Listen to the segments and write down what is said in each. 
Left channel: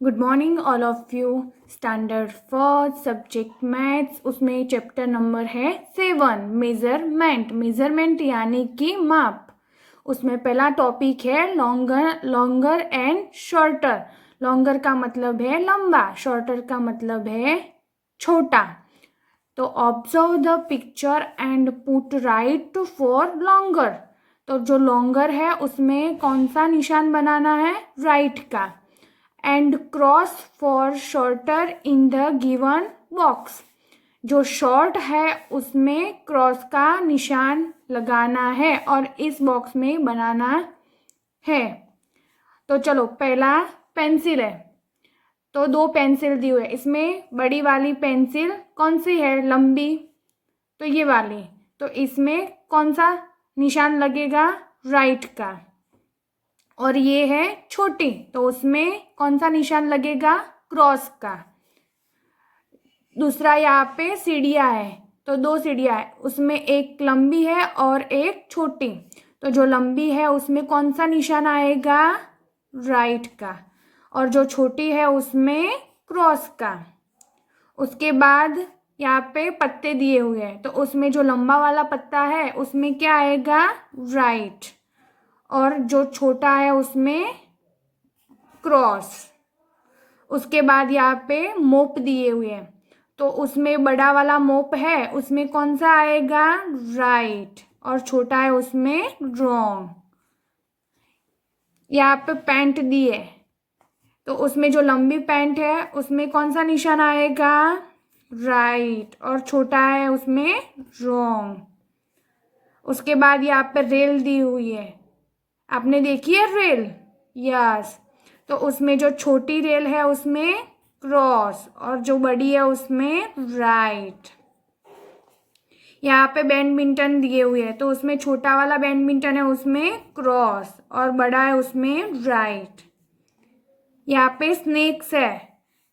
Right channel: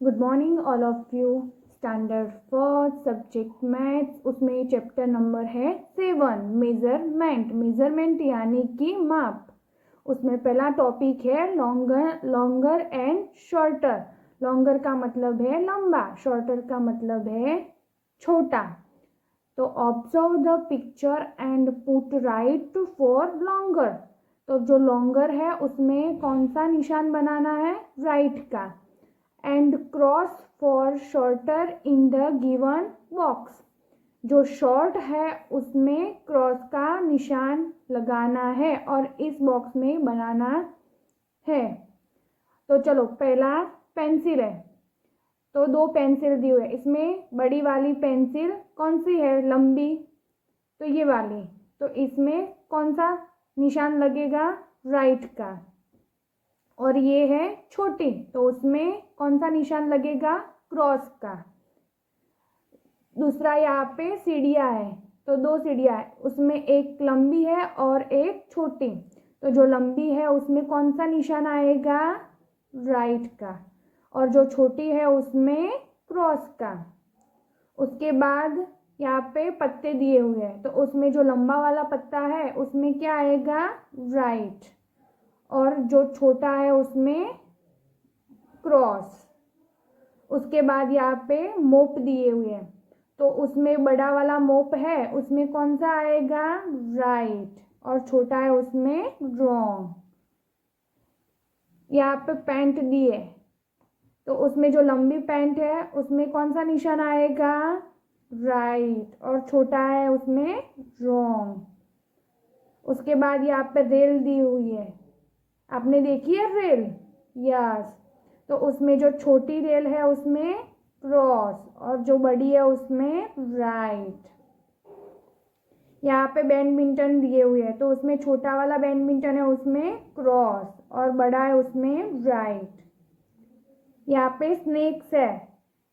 Good morning all of you. Standard first subject maths, उसमें chapter number है 7 measurement. Measurement यानी कि माप। उसमें पहला टॉपिक है लॉन्गर एंड शॉर्टर। लॉन्गर का मतलब है लंबा, शॉर्टर का मतलब है छोटा। तो observe the picture and put right for longer. तो जो लॉन्गर है उसमें कौन सा निशान बनाना है? राइट का। And cross for shorter in the given box. जो शॉर्ट है उसमें क्रॉस का निशान लगाना है और इस बॉक्स में बनाना है। तो चलो, पहला पेंसिल है, तो दो पेंसिल दी हुई है। इसमें बड़ी वाली पेंसिल कौन सी है? लंबी, तो ये वाली। तो इसमें कौन सा निशान लगेगा? राइट का। और ये है छोटी, तो उसमें कौन सा निशान लगेगा? क्रॉस का। दूसरा यहाँ पे सीढ़ियाँ है, तो दो सीढ़ियाँ है, उसमें एक लंबी है और एक छोटी। तो जो लंबी है उसमें कौन सा निशान आएगा? राइट का। और जो छोटी है उसमें क्रॉस का। उसके बाद यहाँ पे पत्ते दिए हुए हैं, तो उसमें जो लंबा वाला पत्ता है उसमें क्या आएगा? राइट। और जो छोटा है उसमें क्रॉस। उसके बाद यहाँ पे मोप दिए हुए हैं, तो उसमें बड़ा वाला मोप है उसमें कौन सा आएगा? राइट। और छोटा है उसमें रॉन्ग। यहाँ पे पैंट दिए, तो उसमें जो लंबी पैंट है उसमें कौन सा निशान आएगा? राइट। और छोटा है उसमें रॉन्ग। उसके बाद यहाँ पे रेल दी हुई है, आपने देखी है रेल? यस। तो उसमें जो छोटी रेल है उसमें क्रॉस और जो बड़ी है उसमें राइट। यहाँ पे बैडमिंटन दिए हुए हैं, तो उसमें छोटा वाला बैडमिंटन है उसमें क्रॉस और बड़ा है उसमें राइट। यहाँ पे स्नेक्स है,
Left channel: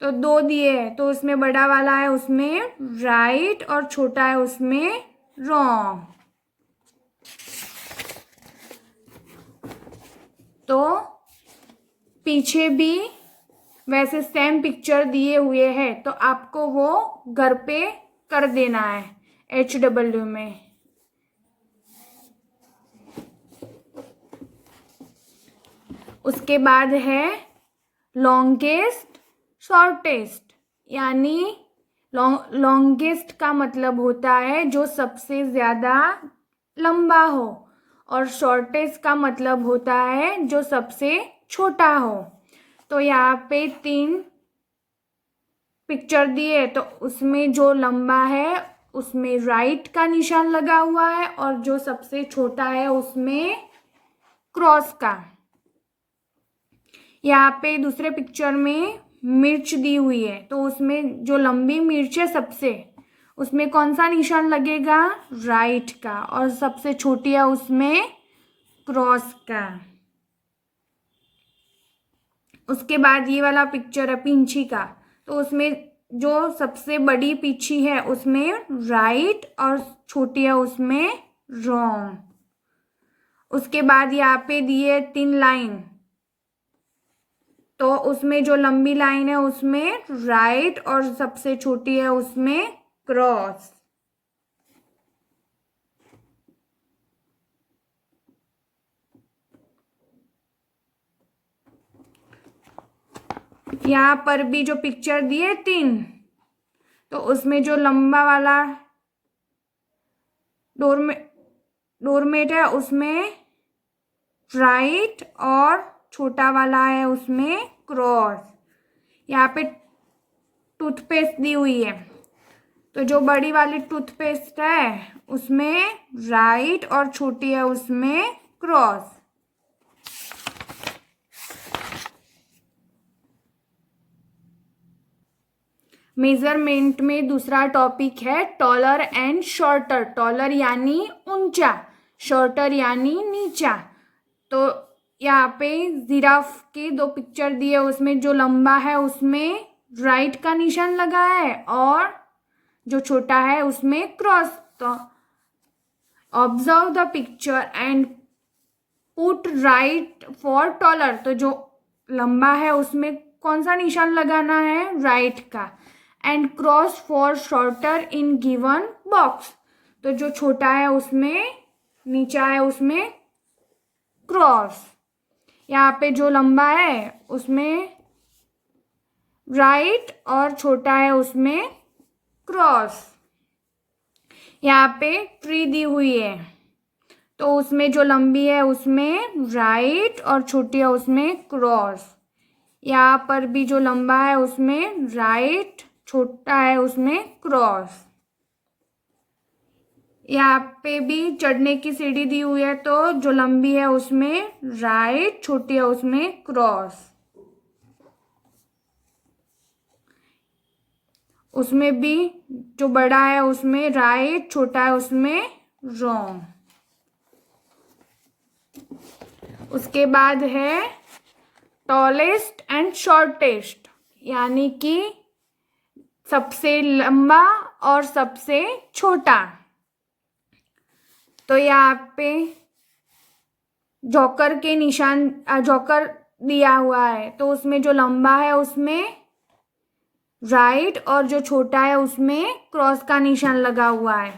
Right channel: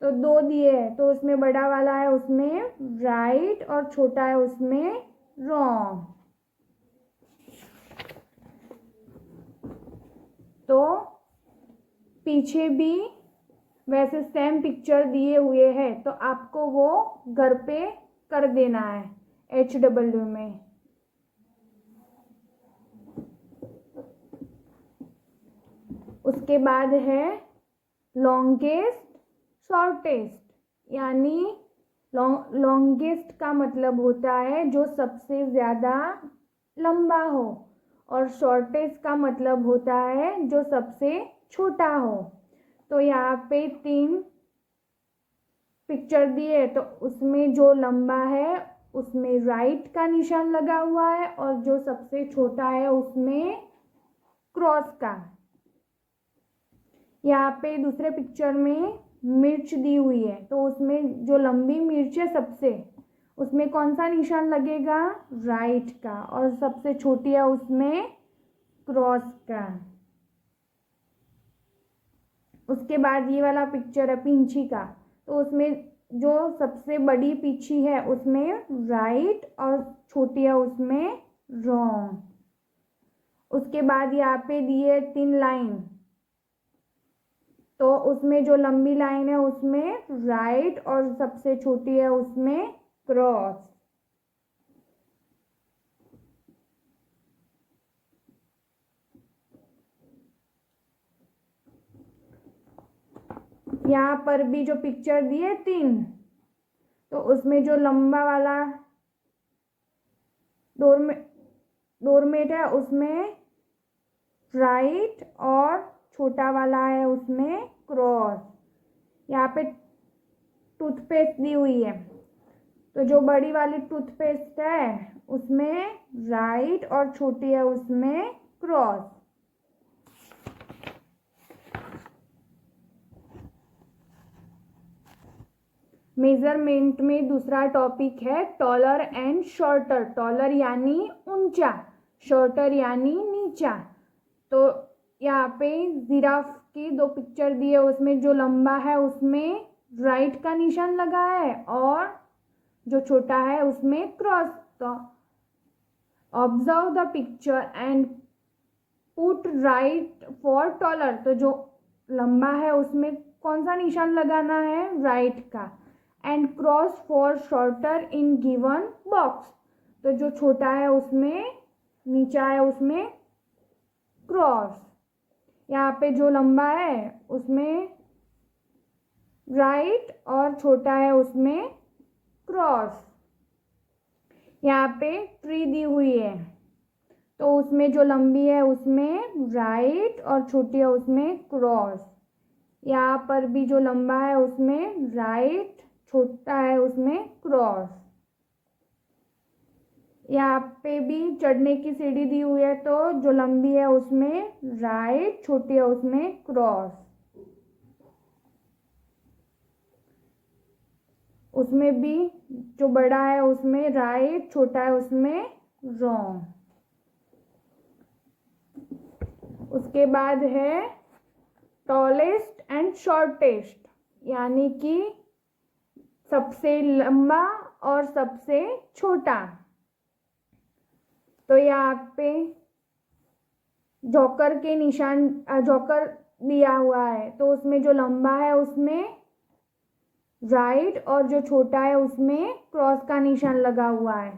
तो दो दिए हैं, तो उसमें बड़ा वाला है उसमें राइट और छोटा है उसमें रॉन्ग। तो पीछे भी वैसे सेम पिक्चर दिए हुए हैं, तो आपको वो घर पे कर देना है HW में। उसके बाद है लॉन्गेस्ट शॉर्टेस्ट, यानी लॉन्गेस्ट का मतलब होता है जो सबसे ज़्यादा लंबा हो, और शॉर्टेस्ट का मतलब होता है जो सबसे छोटा हो। तो यहाँ पे 3 पिक्चर दिए, तो उसमें जो लंबा है उसमें राइट का निशान लगा हुआ है और जो सबसे छोटा है उसमें क्रॉस का। यहाँ पे दूसरे पिक्चर में मिर्च दी हुई है, तो उसमें जो लंबी मिर्च है सबसे, उसमें कौन सा निशान लगेगा? राइट का। और सबसे छोटी है उसमें क्रॉस का। उसके बाद ये वाला पिक्चर है पींछी का, तो उसमें जो सबसे बड़ी पींछी है उसमें राइट और छोटी है उसमें रॉन्ग। उसके बाद यहाँ पे दिए 3 लाइन, तो उसमें जो लंबी लाइन है उसमें राइट और सबसे छोटी है उसमें क्रॉस। यहाँ पर भी जो पिक्चर दिए 3, तो उसमें जो लंबा वाला डोरमेट है उसमें राइट और छोटा वाला है उसमें क्रॉस। यहाँ पे टूथपेस्ट दी हुई है, तो जो बड़ी वाली टूथपेस्ट है उसमें राइट और छोटी है उसमें क्रॉस। मेजरमेंट में दूसरा टॉपिक है टॉलर एंड शॉर्टर। टॉलर यानी ऊंचा, शॉर्टर यानी नीचा। तो यहाँ पे जिराफ के 2 पिक्चर दिए, उसमें जो लंबा है उसमें राइट का निशान लगा है और जो छोटा है उसमें क्रॉस। तो observe the picture and put right for taller. तो जो लंबा है उसमें कौन सा निशान लगाना है, राइट का। And cross for shorter in given box, तो जो छोटा है उसमें, नीचा है उसमें क्रॉस। यहाँ पे जो लंबा है उसमें राइट और छोटा है उसमें क्रॉस। यहाँ पे ट्री दी हुई है, तो उसमें जो लंबी है उसमें राइट और छोटी है उसमें क्रॉस। यहाँ पर भी जो लंबा है उसमें राइट, छोटा है उसमें क्रॉस। यहाँ पे भी चढ़ने की सीढ़ी दी हुई है, तो जो लंबी है उसमें राइट, छोटी है उसमें क्रॉस। उसमें भी जो बड़ा है उसमें राइट, छोटा है उसमें रॉन्ग। उसके बाद है टॉलेस्ट एंड शॉर्टेस्ट, यानी कि सबसे लंबा और सबसे छोटा। तो यहाँ पे जोकर के निशान, जोकर दिया हुआ है, तो उसमें जो लंबा है उसमें राइट और जो छोटा है उसमें क्रॉस का निशान लगा हुआ है।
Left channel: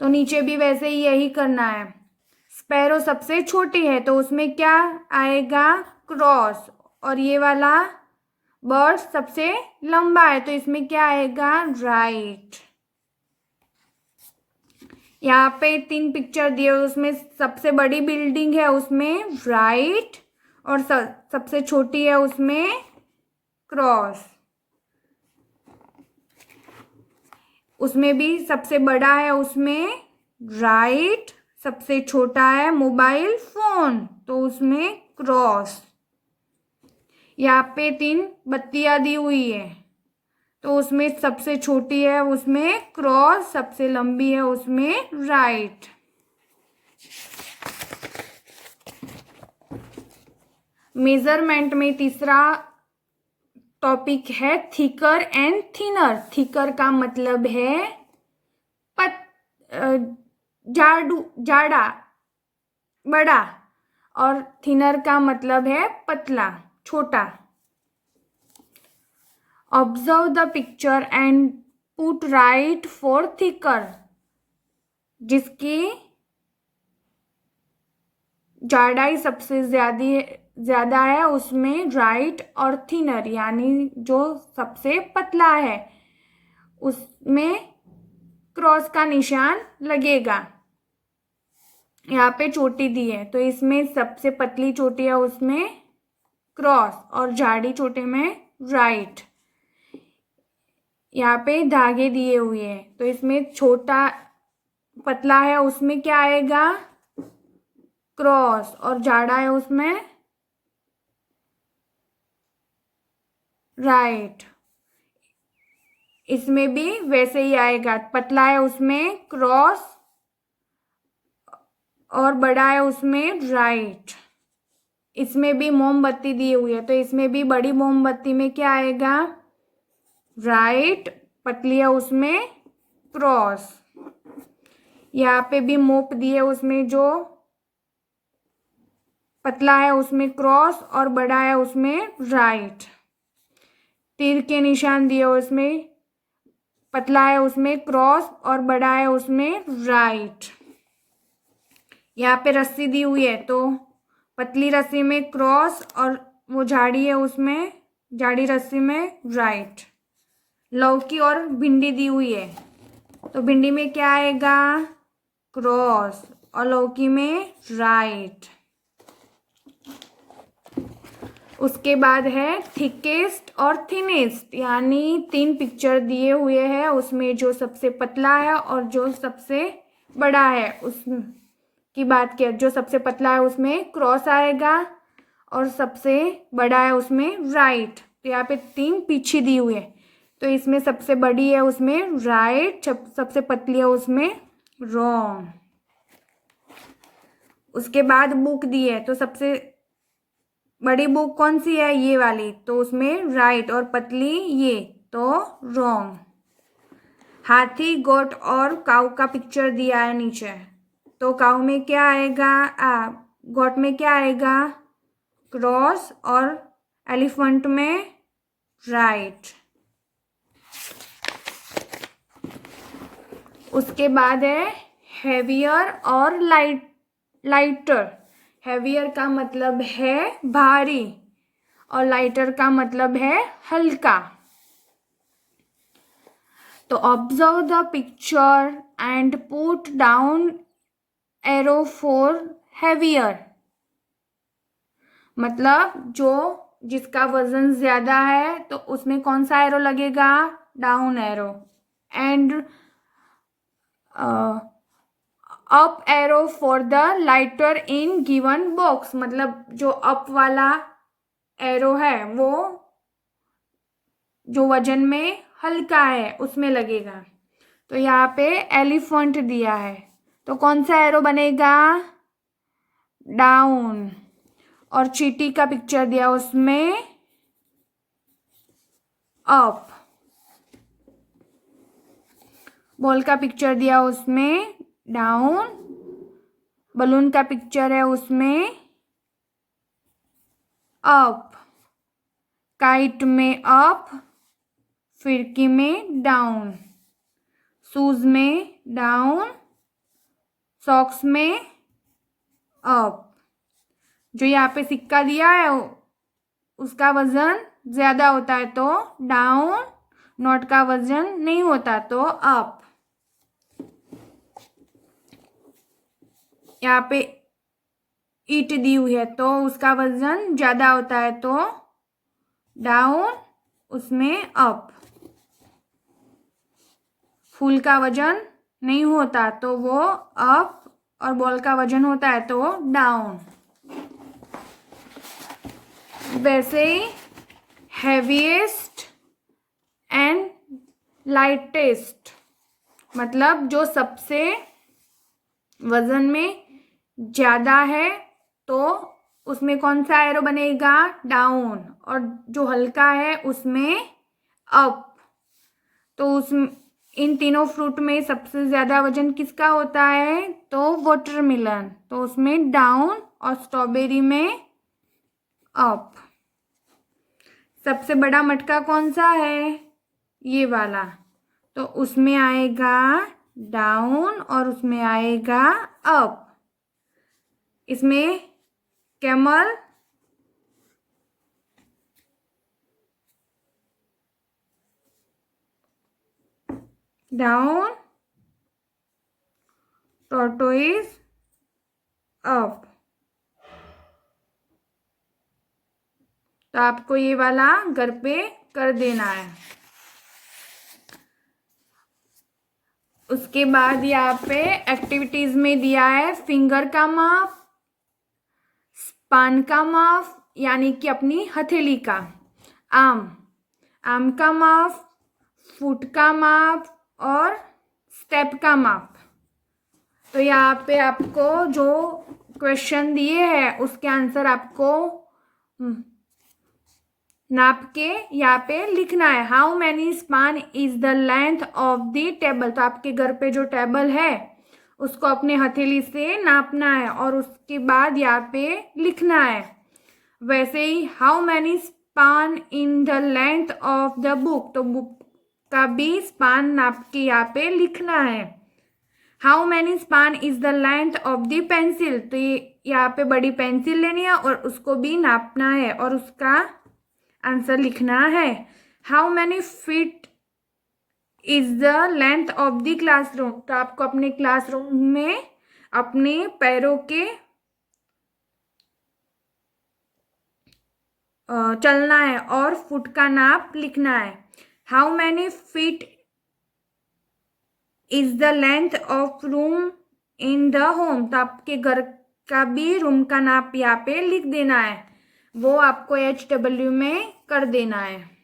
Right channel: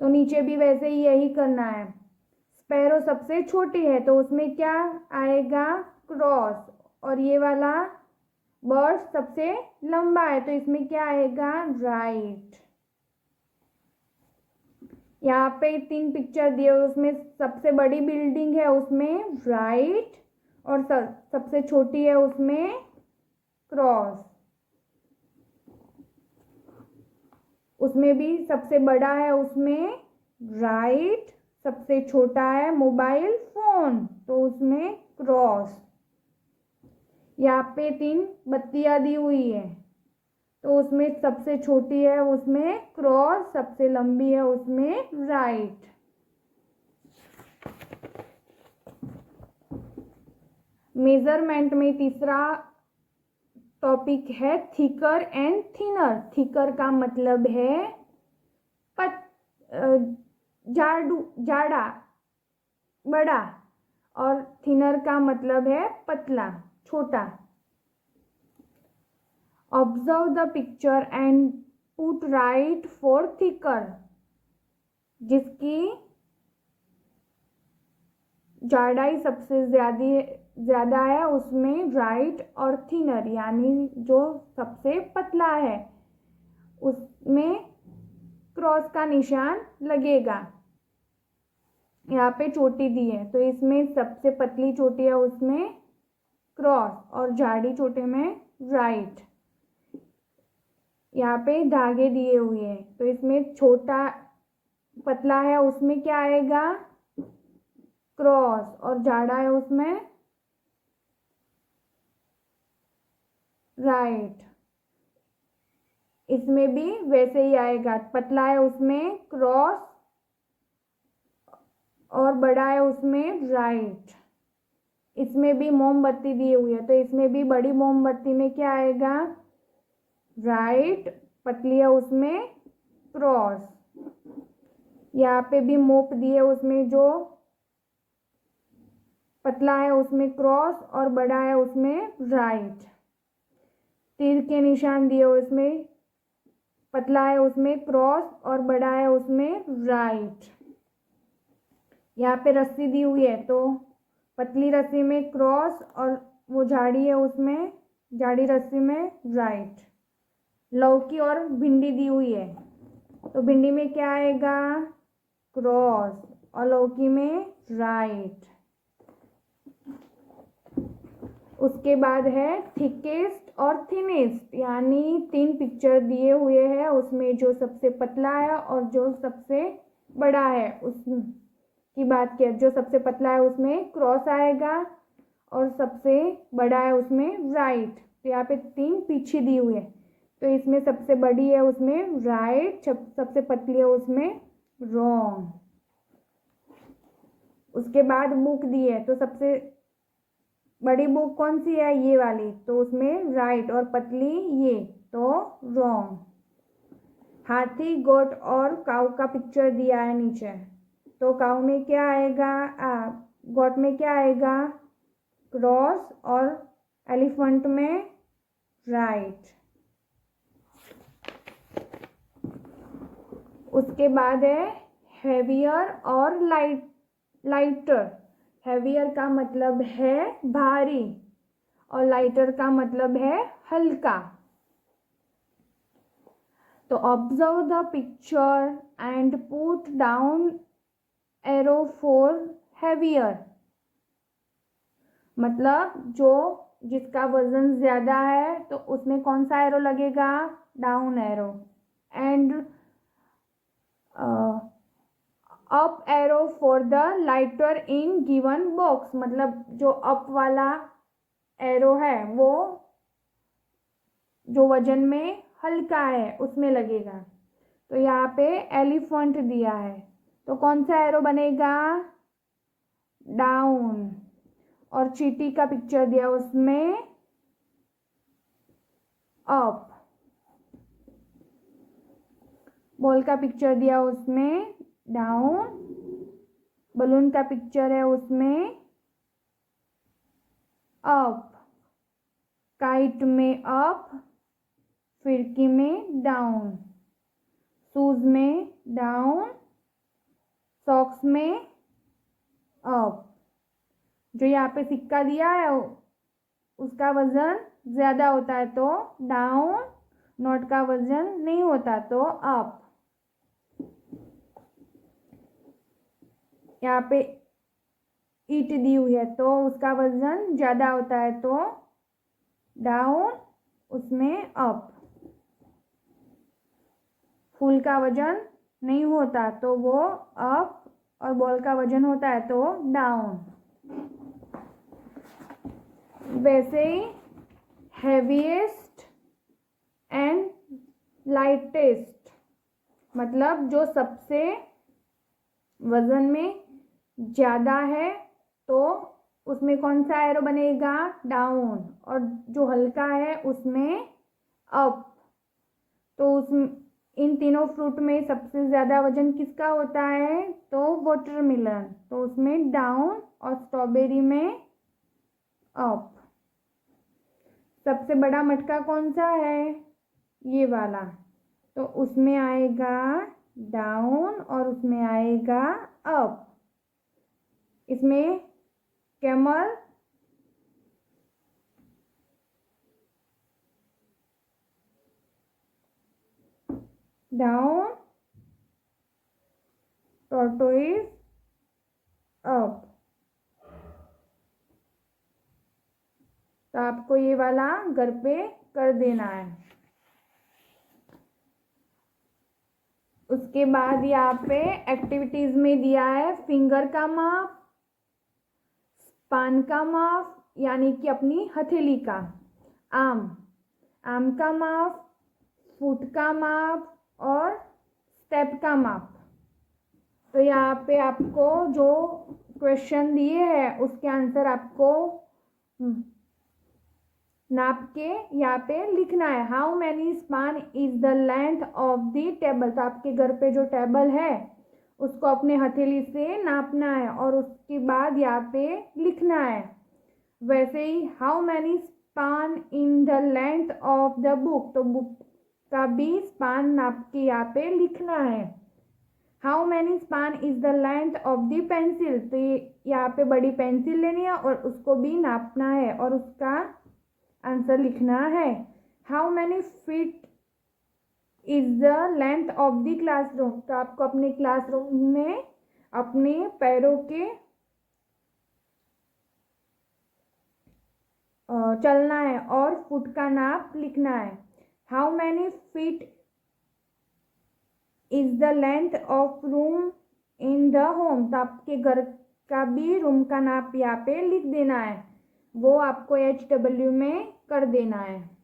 तो नीचे भी वैसे ही यही करना है। स्पैरो सबसे छोटी है, तो उसमें क्या आएगा, क्रॉस। और ये वाला बर्ड सबसे लंबा है, तो इसमें क्या आएगा, राइट। यहाँ पे 3 पिक्चर दिए, उसमें सबसे बड़ी बिल्डिंग है उसमें राइट और सबसे छोटी है उसमें क्रॉस। उसमें भी सबसे बड़ा है उसमें राइट, सबसे छोटा है मोबाइल फोन, तो उसमें क्रॉस। यहाँ पे 3 बत्तियां दी हुई है, तो उसमें सबसे छोटी है उसमें क्रॉस, सबसे लंबी है उसमें राइट। मेजरमेंट में तीसरा टॉपिक है थिकर एंड थिनर। थिकर का मतलब है जाड़ा, बड़ा, और थिनर का मतलब है पतला, छोटा। Observe the picture and put right for thicker, जिसकी जाड़ाई सबसे ज्यादा है उसमें राइट, और थिनर यानी जो सबसे पतला है उसमें क्रॉस का निशान लगेगा। यहाँ पे चोटी दी है, तो इसमें सबसे पतली चोटी है उसमें क्रॉस और झाड़ी चोटी में राइट। यहाँ पे धागे दिए हुए हैं, तो इसमें छोटा पतला है उसमें क्या आएगा, क्रॉस, और झाड़ा है उसमें राइट। इसमें भी वैसे ही आएगा, पतला है उसमें क्रॉस और बड़ा है उसमें राइट। इसमें भी मोमबत्ती दी हुई है, तो इसमें भी बड़ी मोमबत्ती में क्या आएगा, राइट, पतली है उसमें क्रॉस। यहाँ पे भी मोप दी है, उसमें जो पतला है उसमें क्रॉस और बड़ा है उसमें राइट। तीर के निशान दिए, उसमें पतला है उसमें क्रॉस और बड़ा है उसमें राइट। यहाँ पे रस्सी दी हुई है, तो पतली रस्सी में क्रॉस और वो झाड़ी है उसमें, झाड़ी रस्सी में राइट। लौकी और भिंडी दी हुई है, तो भिंडी में क्या आएगा, क्रॉस, और लौकी में राइट। उसके बाद है थिकेस्ट और थिनेस्ट, यानी 3 पिक्चर दिए हुए हैं, उसमें जो सबसे पतला है और जो सबसे बड़ा है उस की बात किया। जो सबसे पतला है उसमें क्रॉस आएगा और सबसे बड़ा है उसमें राइट। तो यहाँ पे 3 पीछे दी हुई है, तो इसमें सबसे बड़ी है उसमें राइट, सबसे पतली है उसमें रॉन्ग। उसके बाद बुक दी है, तो सबसे बड़ी बुक कौन सी है, ये वाली, तो उसमें राइट, और पतली ये, तो रॉन्ग। हाथी, गोट और काऊ का पिक्चर दिया है नीचे, तो काऊ में क्या आएगा, गोट में क्या आएगा, क्रॉस, और एलिफेंट में राइट। उसके बाद है हेवियर और लाइटर। हेवियर का मतलब है भारी और लाइटर का मतलब है हल्का। तो observe the picture and put down arrow for heavier. मतलब जो जिसका वजन ज्यादा है तो उसमें कौन सा एरो लगेगा, down arrow. And up arrow for the lighter in given box. मतलब जो अप वाला एरो है वो जो वजन में हल्का है उसमें लगेगा। तो यहाँ पे एलिफेंट दिया है तो कौन सा एरो बनेगा, डाउन। और चींटी का पिक्चर दिया उसमें अप। बॉल का पिक्चर दिया उसमें डाउन। बलून का पिक्चर है उसमें अप। काइट में अप, फिरकी में डाउन, शूज में डाउन, सॉक्स में अप। जो यहाँ पे सिक्का दिया है उसका वजन ज्यादा होता है तो डाउन, नोट का वजन नहीं होता तो अप। यहाँ पे ईट दी हुई है तो उसका वजन ज्यादा होता है तो डाउन, उसमें अप। फूल का वजन नहीं होता तो वो अप और बॉल का वजन होता है तो डाउन। वैसे ही हैवीएस्ट एंड लाइटेस्ट मतलब जो सबसे वजन में ज्यादा है तो उसमें कौन सा एरो बनेगा, डाउन। और जो हल्का है उसमें अप। तो उस इन तीनों फ्रूट में सबसे ज्यादा वजन किसका होता है, तो वाटरमेलन, तो उसमें डाउन। और स्ट्रॉबेरी में अप। सबसे बड़ा मटका कौन सा है, ये वाला, तो उसमें आएगा डाउन और उसमें आएगा अप। इसमें कैमल, डाउन, टॉर्टोइज अप। तो आपको ये वाला घर पे कर देना है। उसके बाद यहाँ पे एक्टिविटीज में दिया है फिंगर का माप, स्पान का माप यानी कि अपनी हथेली का, आम का माप, फुट का माप और स्टेप का माप। तो यहाँ पे आपको जो क्वेश्चन दिए हैं उसके आंसर आपको नाप के यहाँ पे लिखना है। How many span is the length of the table. तो आपके घर पे जो टेबल है उसको अपने हथेली से नापना है और उसके बाद यहाँ पे लिखना है। वैसे ही how many span in the length of the book, तो बुक का भी स्पान नाप के यहाँ पे लिखना है। How many span is the length of the pencil, तो यहाँ पे बड़ी पेंसिल लेनी है और उसको भी नापना है और उसका आंसर लिखना है। How many feet is the length of the classroom, तो आपको अपने क्लासरूम में अपने पैरों के चलना है और फुट का नाप लिखना है। How many feet is the length of room in the home, तो आपके घर का भी रूम का नाप यहाँ पे लिख देना है, वो आपको HW में कर देना है।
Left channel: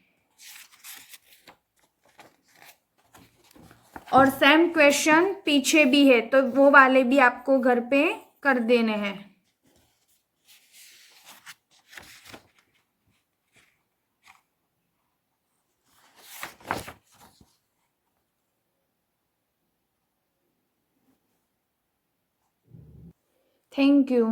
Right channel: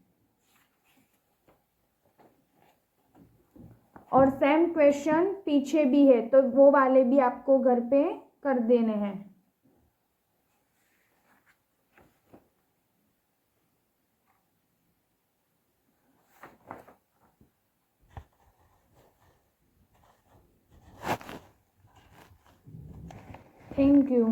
और सेम क्वेश्चन पीछे भी है तो वो वाले भी आपको घर पे कर देने हैं। Thank you.